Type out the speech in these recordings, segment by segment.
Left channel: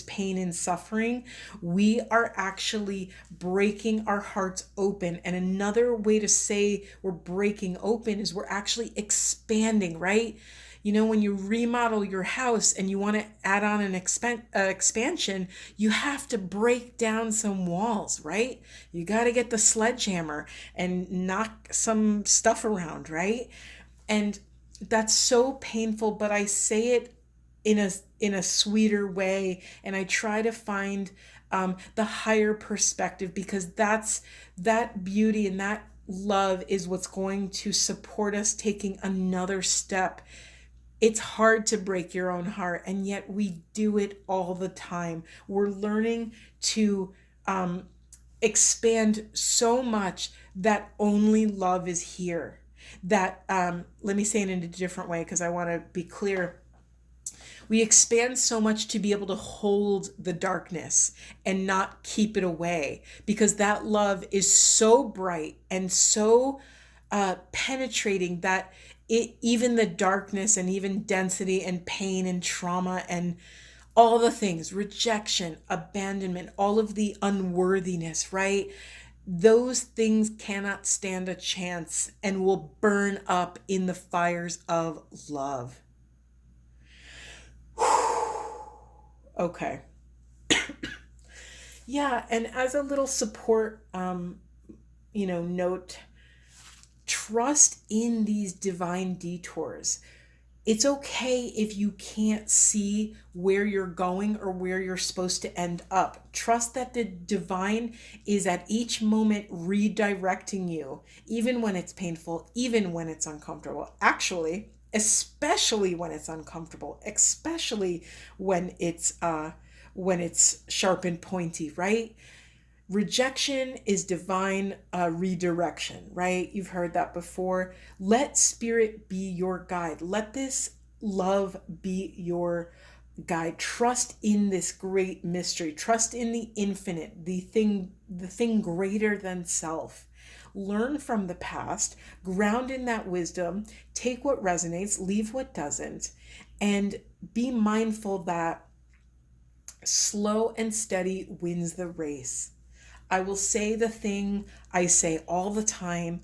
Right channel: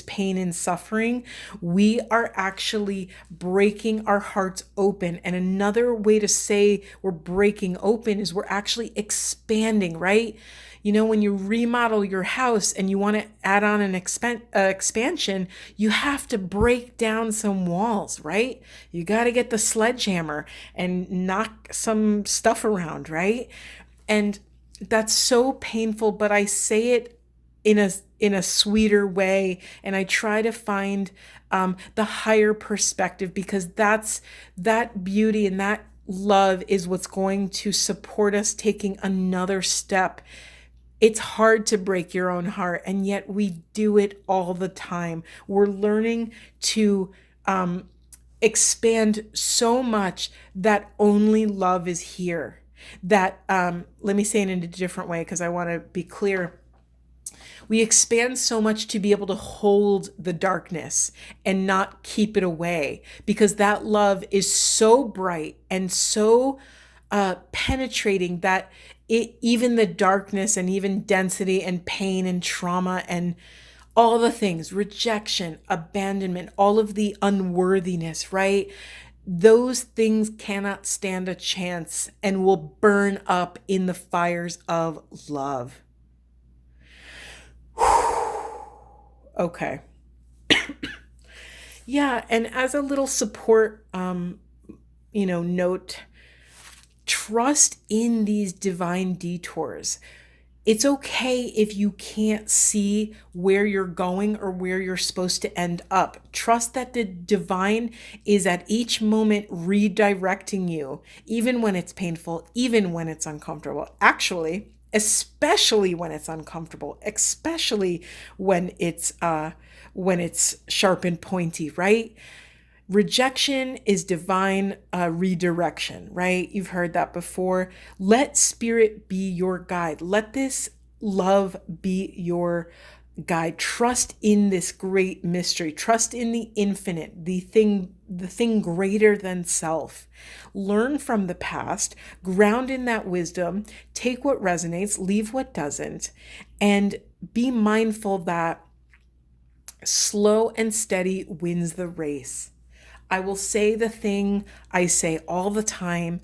pain and suffering, we are actually breaking our hearts open. And another way to say we're breaking open is we're actually expanding, right? You know, when you remodel your house and you want to add on an expansion, you have to break down some walls, right? You got to get the sledgehammer and knock some stuff around, right? And that's so painful, but I say it in a sweeter way, and I try to find the higher perspective, because that beauty and that love is what's going to support us taking another step. It's hard to break your own heart, and yet we do it all the time. We're learning to expand so much that only love is here. That, let me say it in a different way because I want to be clear. We expand so much to be able to hold the darkness and not keep it away, because that love is so bright and so penetrating that even the darkness and even density and pain and trauma and all the things, rejection, abandonment, all of the unworthiness, right? Those things cannot stand a chance and will burn up in the fires of love. Okay. Yeah, and as a little support, note, trust in these divine detours. It's okay if you can't see where you're going or where you're supposed to end up. Trust that the divine is at each moment redirecting you, even when it's painful, even when it's uncomfortable. Actually, especially when it's uncomfortable, especially when it's sharp and pointy, right? Rejection is divine redirection, right? You've heard that before. Let spirit be your guide. Let this love be your guide. Trust in this great mystery. Trust in the infinite, the thing greater than self. Learn from the past, ground in that wisdom, take what resonates, leave what doesn't, and be mindful that slow and steady wins the race. I will say the thing I say all the time,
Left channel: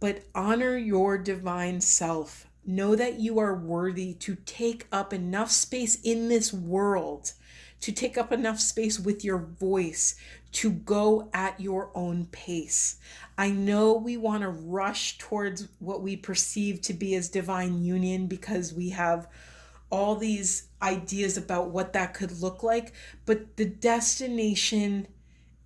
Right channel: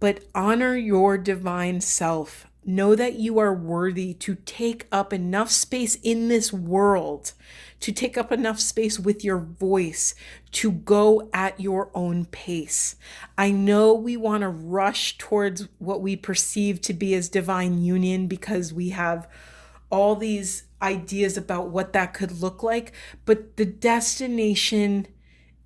but honor your divine self. Know that you are worthy to take up enough space in this world, to take up enough space with your voice, to go at your own pace. I know we want to rush towards what we perceive to be as divine union because we have all these ideas about what that could look like, but the destination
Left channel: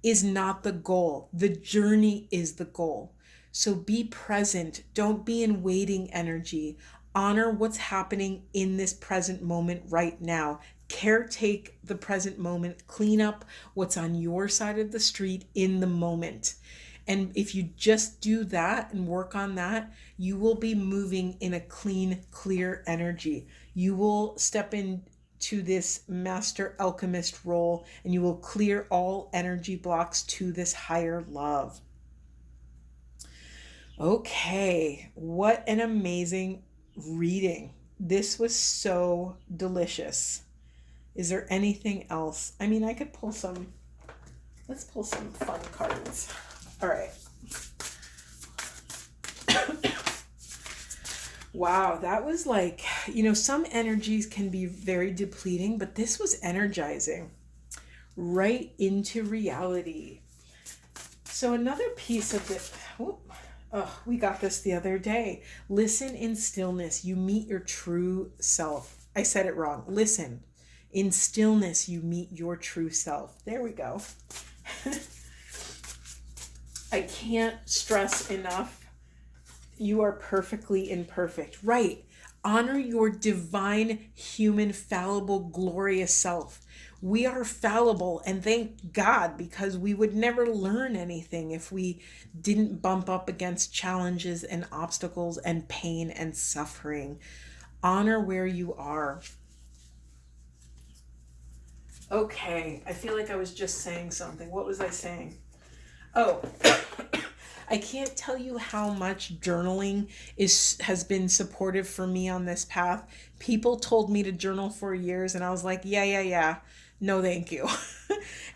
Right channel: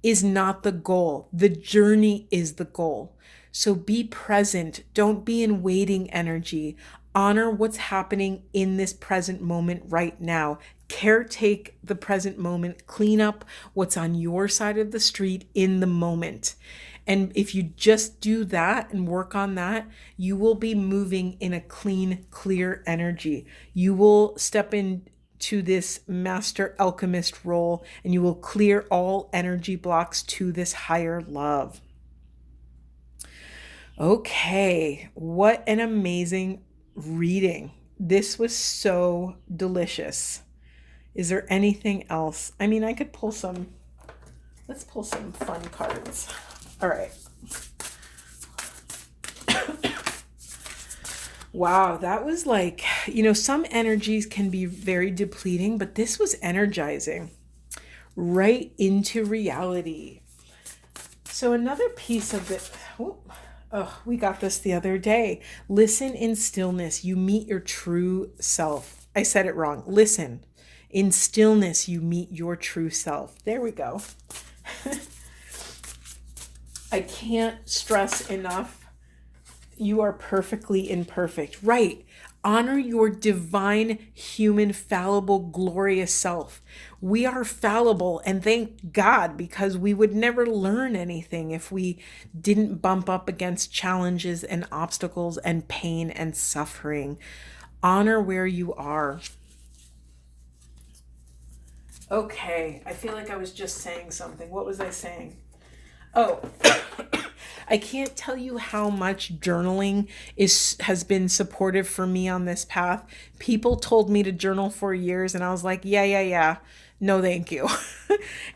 is not the goal. The journey is the goal. So be present. Don't be in waiting energy. Honor what's happening in this present moment right now. Caretake the present moment. Clean up what's on your side of the street in the moment. And if you just do that and work on that, you will be moving in a clean, clear energy. You will step into this master alchemist role, and you will clear all energy blocks to this higher love. Okay, what an amazing reading. This was so delicious. Is there anything else? I mean, I could pull some, let's pull some fun cards. All right. Wow, that was like, some energies can be very depleting, but this was energizing right into reality. So another piece of it, we got this the other day. Listen in stillness, you meet your true self. I said it wrong. Listen. In stillness, you meet your true self. There we go. I can't stress enough. You are perfectly imperfect. Right. Honor your divine, human, fallible, glorious self. We are fallible, and thank God, because we would never learn anything if we didn't bump up against challenges and obstacles and pain and suffering. Honor where you are. Okay, I feel like I was just saying something. What was I saying? Oh, I can't tell you how much journaling has been supportive for me on this path. People told me to journal for years, and I was like, yeah. no thank you.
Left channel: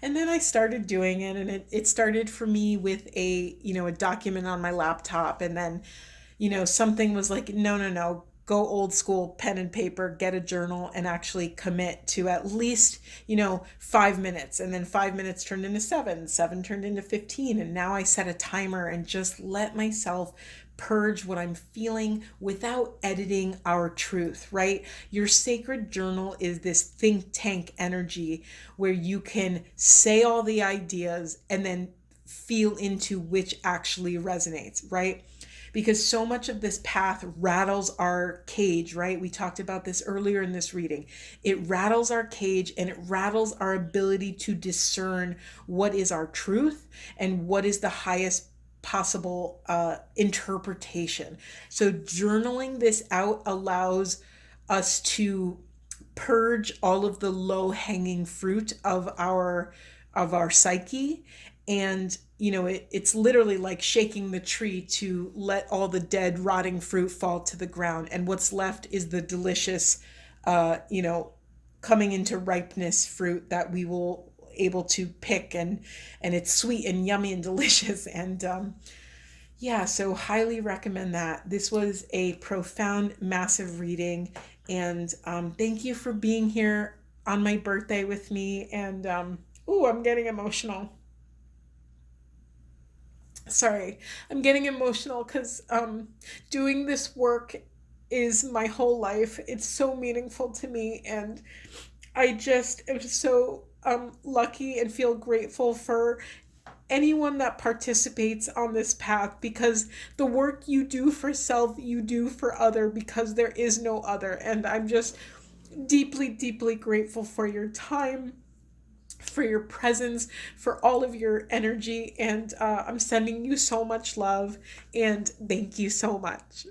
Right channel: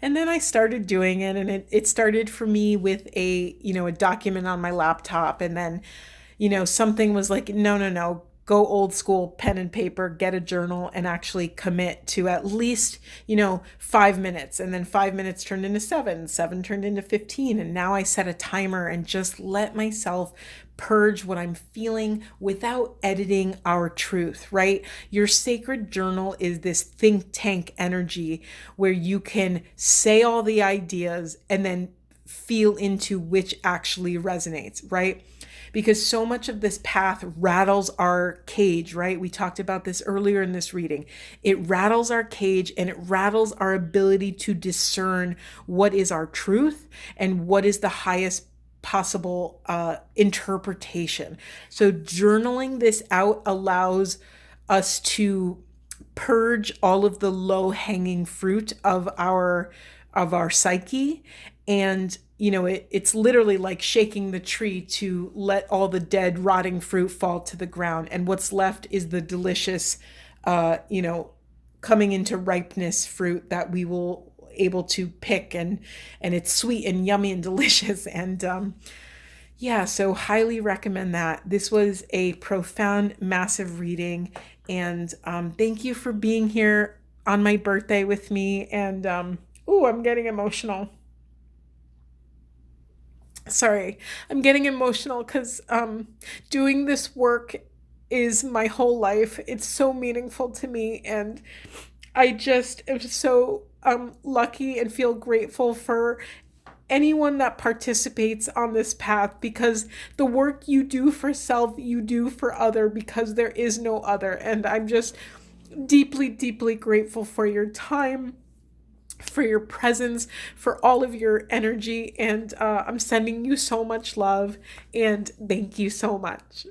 And then I started doing it, and it started for me with a document on my laptop. And then something was like, no, no, no, go old school, pen and paper, get a journal, and actually commit to at least 5 minutes. And then 5 minutes turned into seven turned into 15, and now I set a timer and just let myself purge what I'm feeling without editing our truth, right? Your sacred journal is this think tank energy where you can say all the ideas and then feel into which actually resonates, right? Because so much of this path rattles our cage, right? We talked about this earlier in this reading. It rattles our cage, and it rattles our ability to discern what is our truth and what is the highest possible interpretation. So journaling this out allows us to purge all of the low hanging fruit of our psyche. And it's literally like shaking the tree to let all the dead rotting fruit fall to the ground, and what's left is the delicious coming into ripeness fruit that we will able to pick, and it's sweet and yummy and delicious. And yeah, so highly recommend that. This was a profound, massive reading. And thank you for being here on my birthday with me. And I'm getting emotional. Sorry, I'm getting emotional because doing this work is my whole life. It's so meaningful to me. And I just am just so lucky and feel grateful for anyone that participates on this path, because the work you do for self, you do for other, because there is no other. And I'm just deeply, deeply grateful for your time, for your presence, for all of your energy. And I'm sending you so much love, and thank you so much.